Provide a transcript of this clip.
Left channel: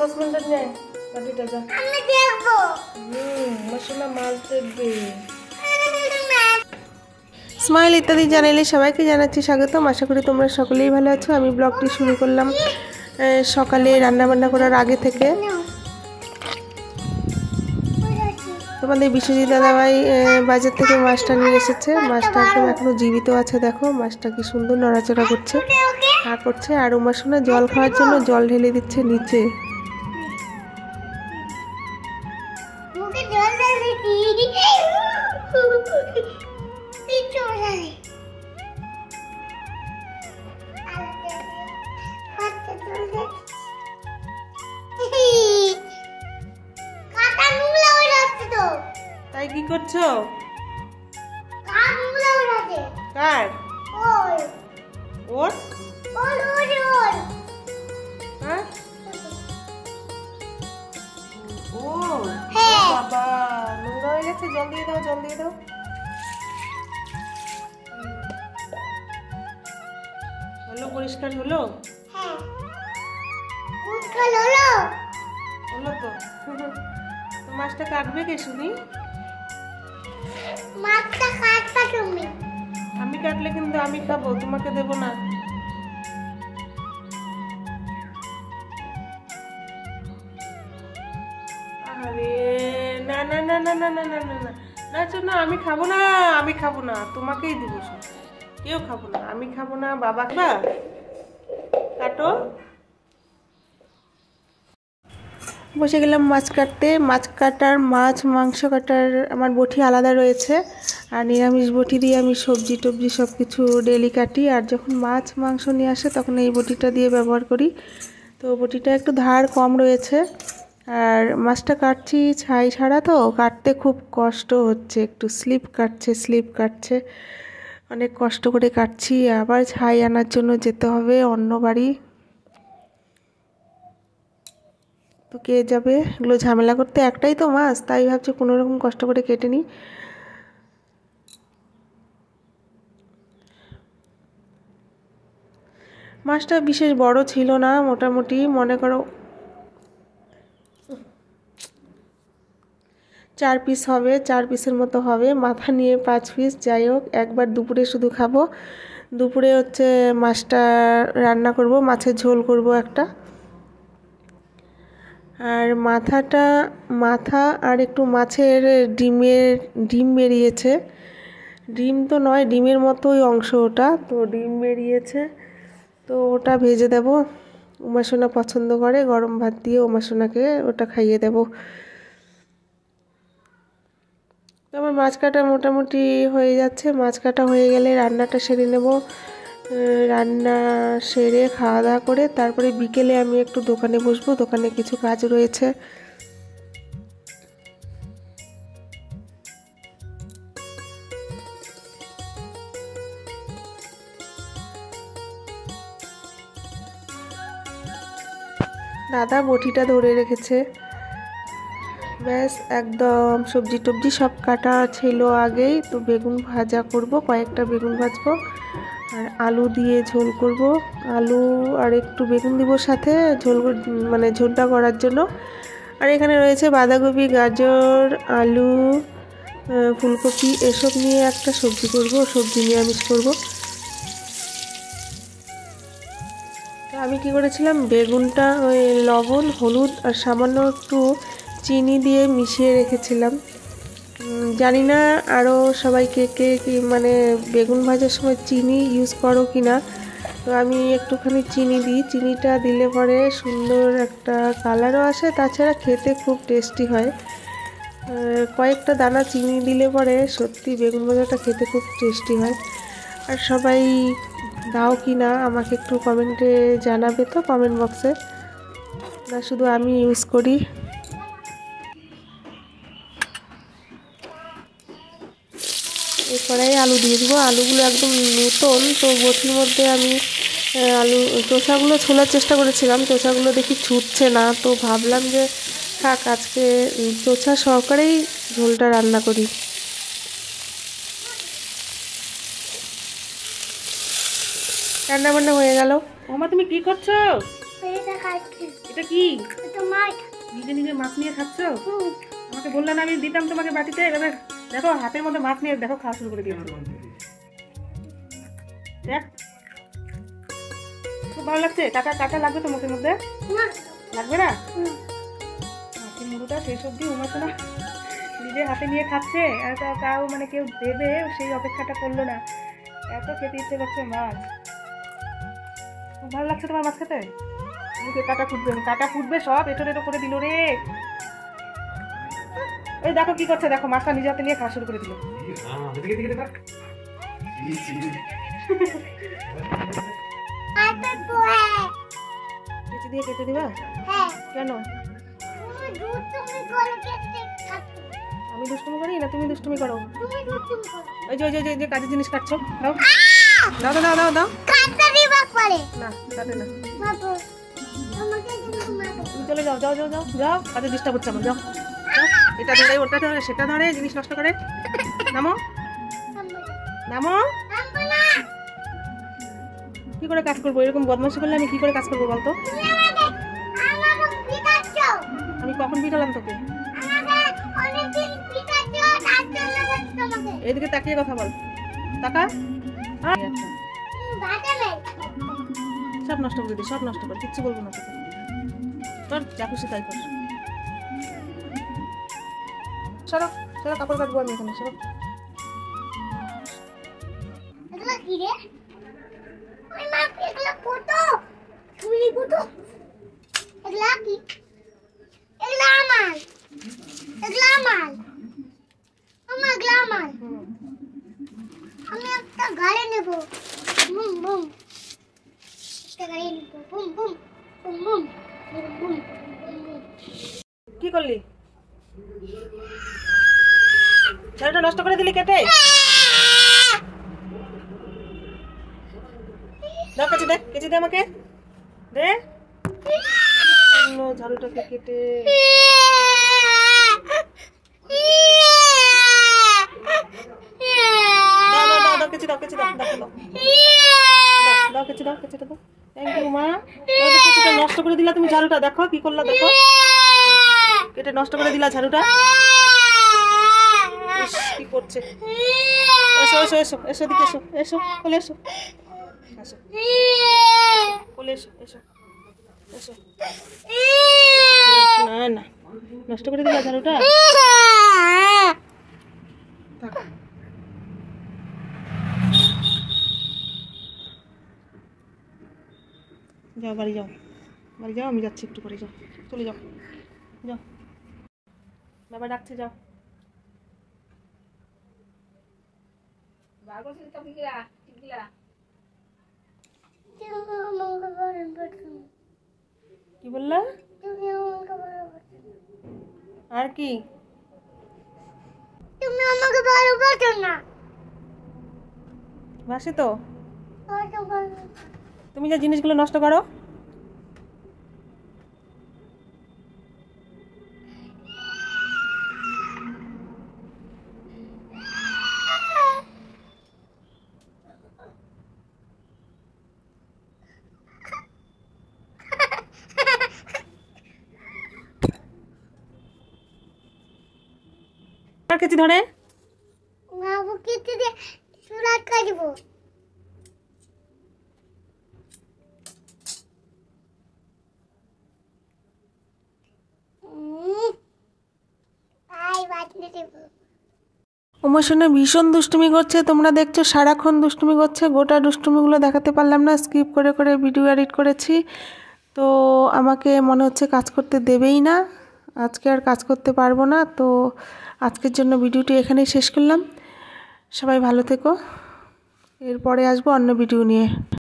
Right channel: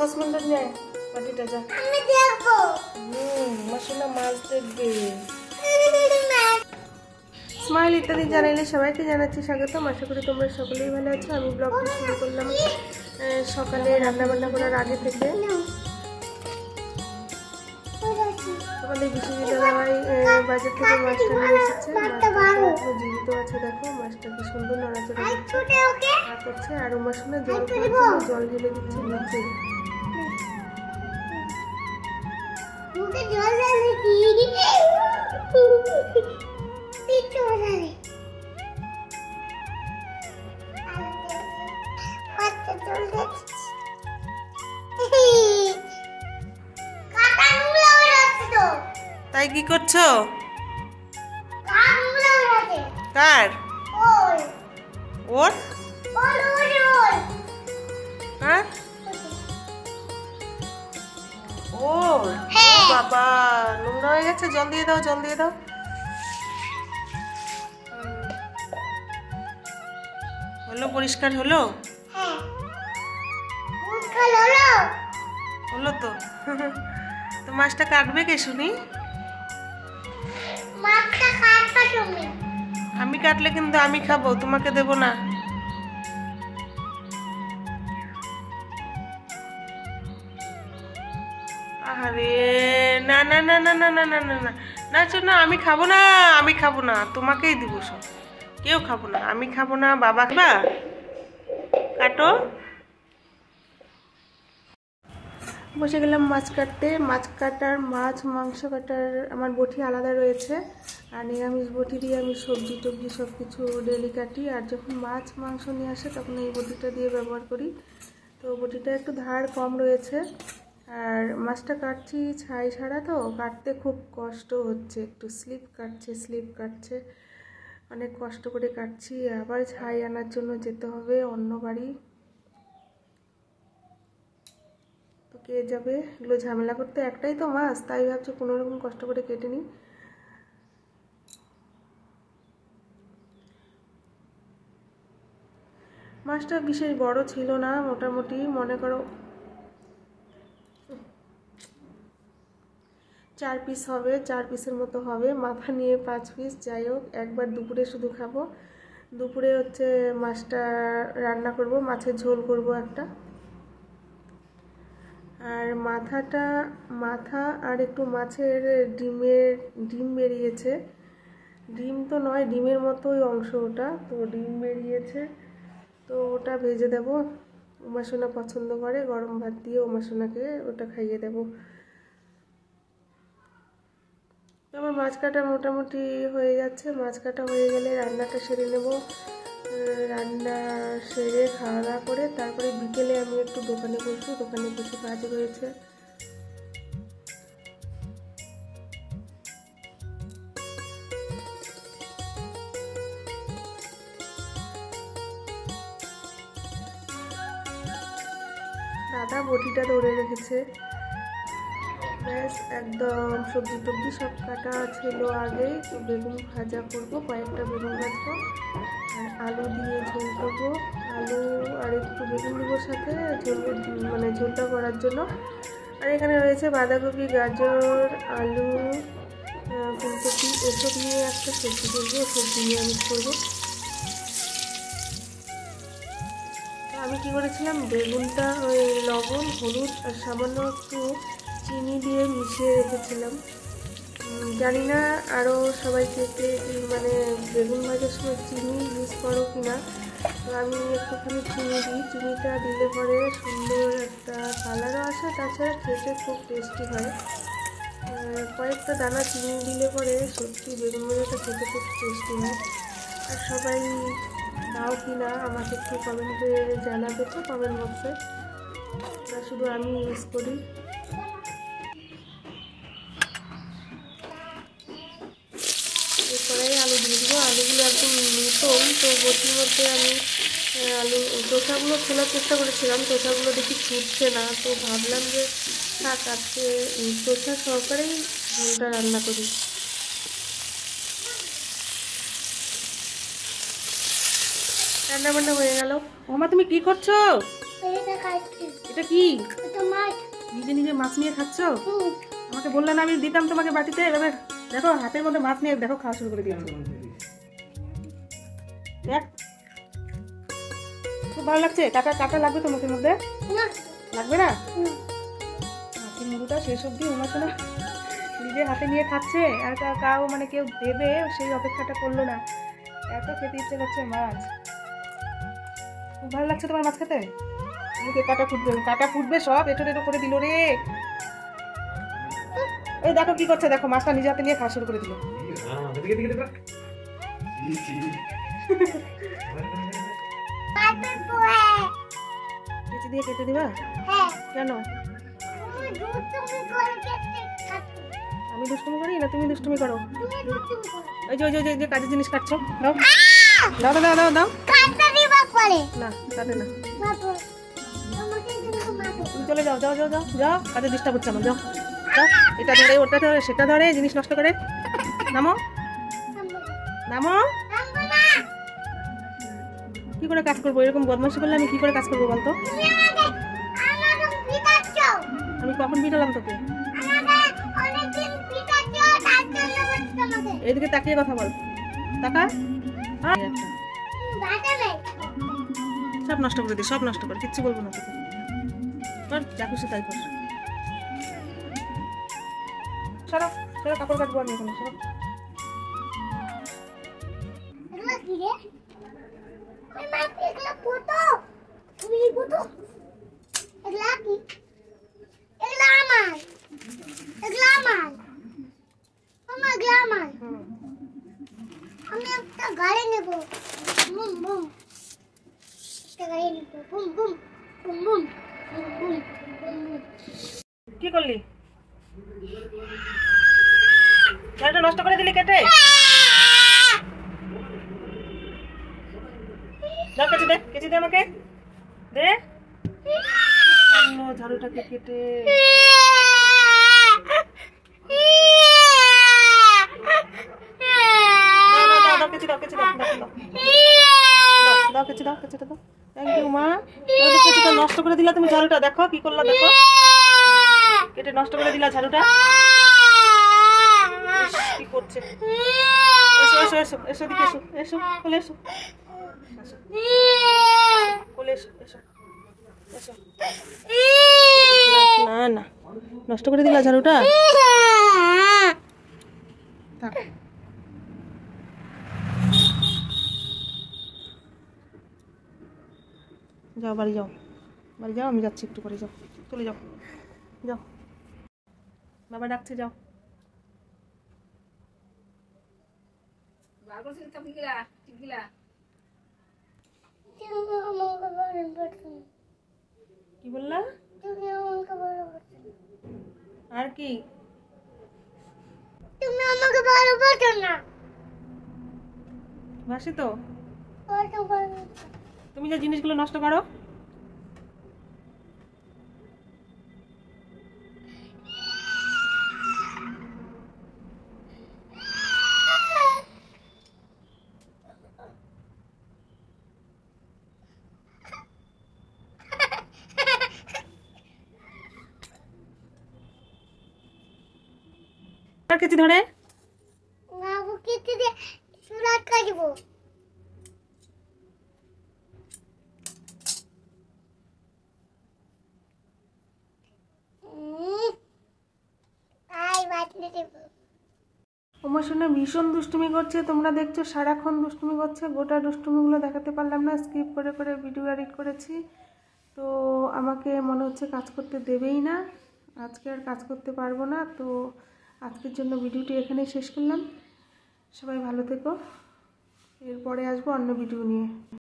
সসপ্যানটা নিয়ে বাটিটা যা। আমি দেখবো। মশলা মাছ দেখবে। স্মাইল ইত্যাদি চ্যানেলে সবাইকে জানাচ্ছি স্বাগতম। আশা করি তোমরা সকলেই ভালো আছো। আমি ব্লগটি শুরু করলাম সকালে রান্নাবান্না করার আগে থেকে। তোমাদের বিশ্বজিৎ দাদাভাই বাজার থেকে মাছটা নিয়ে এসেছে। মাছটা একদম এখনো জীবিত আছে, দেখো মাছটা কি সুন্দর নড়াচড়া করছে আর উমাসোনা জল খাওয়ার জন্য জল ঢেলে দিচ্ছে নিচে। তাই কি করছো? কার? ওর? হ্যাঁ ওর? বাবা নোংরা হয়ে গেছে, জল দিয়ে দাও, জল দিয়ে দাও। হলো, পরিষ্কার হলো? হলো তো। তো মাছটা কাটবে কে শুনি? আমি কাটলে কিন্তু আমি খাবো, তোমাকে দেবো না। আরে না না না না না না না না না না না, আমি খাবো না, আমি খাবো না, তোমাকেই দিব সব। কেউ খাবো না, আমি খাবো না, বাবা খাবা। কাটো। বসে গেলাম মাছ কাটতে। মাছ কাটার, মাছ মাংস কাটার আমার বটি আলাদা রয়েছে, আর নিরামিষ বটি দিয়ে আমি সবজি টবজি সব কিছু ডেলি কাটি। আর যখন মাছ মাংস নিয়ে আসে তখন এই বটিটা দিয়ে ব্যবহার করি। তো বটিটা একটু ধার কম রয়েছে। আর মাছটা কাটছি ছাই ছাড়া, তো কাটতে খুব কষ্ট হচ্ছে, একটু স্লিপ কাটছে, অনেক কষ্ট করে কাটছি। আবার ছাই আনার জন্য যেতে হবে অন্য বাড়ি, তো কে যাবে এগুলো ঝামেলা করতে? একটাই তো মাছ, তাই ভাবছি কোনো রকম কষ্ট করে কেটে নিই। মাছটা বিশেষ বড় ছিল না, মোটামুটি মনে করো 4 পিস হবে, 4 পিসের মতো হবে। মাথা নিয়ে 5 পিস। যাই হোক, একবার দুপুরে শুধু খাবো। দুপুরে হচ্ছে মাছটা রান্না করব, মাছের ঝোল করব একটা। আর মাথা আর একটু মাছের ডিম বেরিয়েছে। ডিম তো নয়, ডিমের মতোই অংশ ওটা, তো ডিম বেরিয়েছে, তো ওটা ভেজে দেব। উমাসোনা পছন্দ করে, গরম ভাত দিয়ে উমাসোনাকে ওটা খাইয়ে দেব। আমার মাছ কাটা মোটামুটি হয়ে যাচ্ছে। মাছ কাটা হয়ে গেলে রান্নাটা সেরে নেব। রান্না সেরে খাওয়া দাওয়া করে তারপরে বিকেলে আমি একটু দোকানে বসবো, দোকানে কিছু কাজ রয়েছে। দাদা বটিটা ধরে রেখেছে, ব্যাস একদম সবজি টবজি সব কাটা ছিল আগেই। তো বেগুন ভাজা করব, কয়েকটা বেগুন ভাজবো, আর আলু দিয়ে ঝোল করব। আলু আর একটু বেগুন দিব সাথে, মানে ঝোলটা করার জন্য। আর এখানে রয়েছে বাঁধাকপি, গাজর, আলু, ফুলকপি, এসব নিয়ে একটা সবজি করব, সবজি নিরামিষ করব। আমি কি করেছিলাম, বেগুনটা ওই লবণ, হলুদ আর সামান্য একটু চিনি দিয়ে মিশিয়ে রেখেছিলাম। জানি না আরও সবাই কে মানে বেগুন ভাজার সময় চিনি ইউজ করো কি না। তো আমি একটুখানি চিনি দিই, চিনিটা দিলে পরে সুন্দর একটা কালারও আসে, তাছাড়া খেতে খুব টেস্টি হয়। কয়েকটা দানা চিনি দিলে পরে সত্যি বেগুন ভাজাটা খেতে খুব টেস্টি হয়। আর সবাই দাও কি না আমাকে একটু কমেন্টে জানাবে তো, কমেন্ট বক্সে, না শুধু আমি ইউজ করি। এরপরে আলু দিয়ে দেবো। আলুগুলো একদম নতুন, তো বটির মধ্যে আমি আলু চোষাগুলো ছোলার চেষ্টা করেছিলাম, চোষাগুলো দেখি ছুটছে না, তো ভাবলাম যে থাক আজকে চোষা সহকারেই ঝোলটা রান্না করি। রান্না বান্না হয়ে গেল। মামা তুমি কি করছো? এটা কি? নিজে নিজে মাছ নিয়ে খাচ্ছ? আমাকে বললে না আমি দিতাম তোমাকে বাটিতে। এবার দেখো হাতের মধ্যে মাছ নিয়ে দেখো খাওয়া শুরু করে দিয়েছো। দেখ খুব ভালো লাগছে। কাটা কাটা লাগবে তো মুখের মধ্যে? লাগবে না? মাছের মুড়োটা শেষ অব্দি উমাশো না নিজে হাতে নিয়ে খাচ্ছে, আর তাও মানে কেউ দেবে সেই অপেক্ষাটা করলো না। এত খেতে ইচ্ছে করছে মাছ। খুব ভালো লাগছে তোমার মাছ খেতে? মুখে কাটা ফুটবে সব এটো টেটো করে দিল রে। এই দেখো কি করছে, দেখো মাছটা নিজে হাতে নিয়ে খাওয়া শুরু করে দিল। কেচি দিয়ে কেটে দিবা? কেন? আমি দুষ্টুমি করি না তুমি দুষ্টুমি করো? ওই যে কাজের জিনিস কাটছো, দাও দাও দাও দাও দাও। না কাটে না, তুমি চলে যাও যাও যাও যাও যাও, কাজে ডিস্টার্ব হচ্ছে আমার। যাও যাও, এটা ধরে ওটা ধরে সেটা ধরে জিনিস নষ্ট করে। নামো নামো। কি করে কাজ করবো? এরকম বদমাশি করলে আমি কি করে কাজ করবো বলতো? আমি কখন পিটালাম তোকে? এইদিকে তাকিয়ে কথা বল, টাকা সব নষ্ট করে দিই, সব নষ্ট করে, কিচ্ছু বলবো না তোকে। তোর যা খুশি তাই কর। সরো সরো, কাপড় কাটবো আমি এখানে। সরো। আমি একটা গাড়ি নেব। বুম বুম, একটা গাড়ি নেব। Boom boom boom boom boom boom. কি করলি? ঝাড়ুটা নষ্ট করে দিলি কেটে? দাও কেচি দে, কেচি দে আমাকে দে। ঝাড়ুটাকে কেটে নষ্ট করে দিলা তুমি ঝাড়ুটা। দেখো কি করলা, দেখো কেটে নষ্ট করে দিলা ঝাড়ুটা। কি করছে? এসো এসো এসো এসো, দিকে এসো, এসো কোলে এসো, কোলে এসো, এসো এসো। না না, নষ্ট করে দিলা ঝাড়ুটা। যাও বাড়ি যাও, বাড়ি যাও, আমি যাচ্ছি একটু পরে। যাও চলে যাও, যাও বাবা ডাকছে, যাও। কি বললা? আর কি? তুমি আমাকে ভালোবাসো না? বাসি তো। তুমি যে জিনিসগুলো নষ্ট করো। আর কিছু ধরে না, ও কিছু দিয়ে সুরাত কাটবো। আমার সঙ্গে ভীষণ দুষ্টুমি করছে, তোমরা দেখছো সারাক্ষণ দুষ্টুমি করছে। গোটা দুষ্টুমিগুলো দেখাতে পারলাম না, স্কিপ করে করে ভিডিও এডিট করেছি। তো আমাকে মনে হচ্ছে কাজ করতে দেবেই না, আজকে আর কাজ করতে পারবো না। তো আজকের জন্য ভিডিওটি এখানেই শেষ করলাম। সবাই ভালো থেকো, এরপরে আসবো অন্য ভিডিও নিয়ে।